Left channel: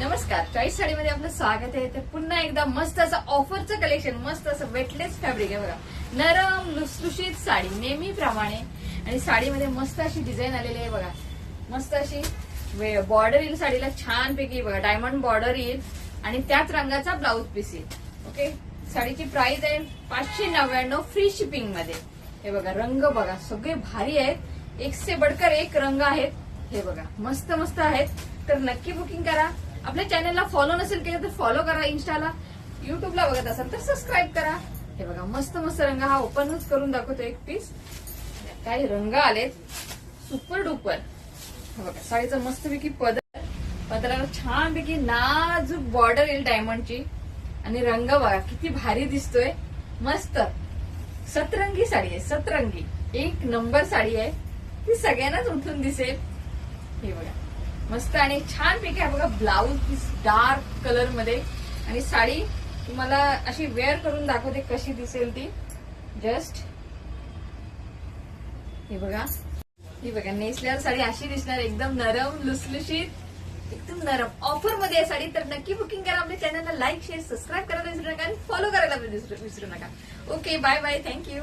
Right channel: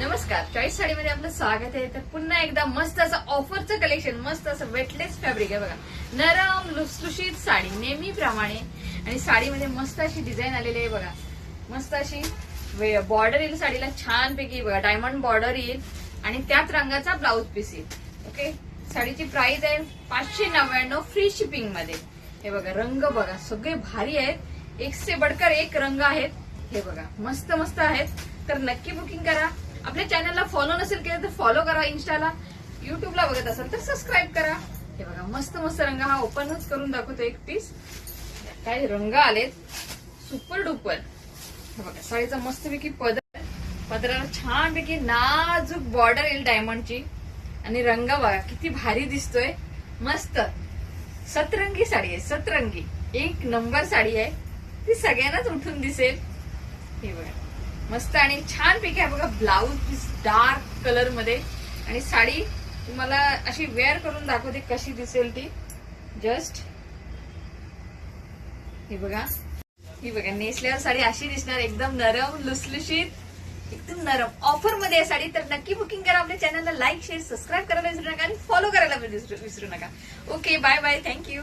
नमस्कार, चॉईस साडीमध्ये आपलं स्वागत आहे. तर पुन्हा एकदा मस्त असं ऑफरचं कलेक्शन, मस्त असं वेटलेस फॅब्रिक आहे बघा. नरम लुसलुशीत साडी नेहमीप्रमाणे आणि साडीमध्ये मस्त अशी डिझाईन आलेली आहे बघा. मस्त अशी बॉर्डर येईल साडीला छानपैकी बघा. डायमंड बॉर्डर येईल आणि त्याच रंगाचा ब्लाऊज पीस येईल. ओके, साडीची प्राइस आहे 599 फ्री शिपिंग मध्ये. हे बघा, रंग बघा सगळे भारी आहेत, एक से बढ़कर एक रंग आहेत. हे बघा मस्त मस्त आहेत. तर नक्की बुकिंग करा. आपल्या चॅनलला फॉलो नसेल केलं तर फॉलो करा. इन्स्टाला, युट्यूबला बघत असाल तर सबस्क्राईब करा. हे बघा मस्त मस्त रंग. हा ओपनच करून दाखवतो एक पीस. काय रंग आलेत, सुपर डुपर. हे बघा साडीचा मस्तपैकी पदराला छानपैकी नाजूक बॉर्डर येईल डायमंडची आणि रंग बघा किती भारी दिसतोय. मस्त सतरंगी साडी आहे, सतरंगी एक नंबर साडी आहे. ती सगळ्यांनाच उठून दिसेल. हे बघा मस्त आणि छान पैकी आहे बघा. ब्लाऊज डार्क कलर मध्ये आणि साडी तुम्हाला अशी वेअर करून दाखवते कशी दिसेल ती. जस्ट हे बघा, ही बघा नेसल्यावर साडी अशी दिसणार, एकदम नरम लुसलुशीत, एकदम नरम. ऑफर मध्ये आहे साडी. तर नक्की बुकिंग करा. आपल्या चॅनलला लाईक शेअर सबस्क्राईब करायला विसरू नका आणि फॉलो करायला विसरू नका. Okay, bye bye, thank you.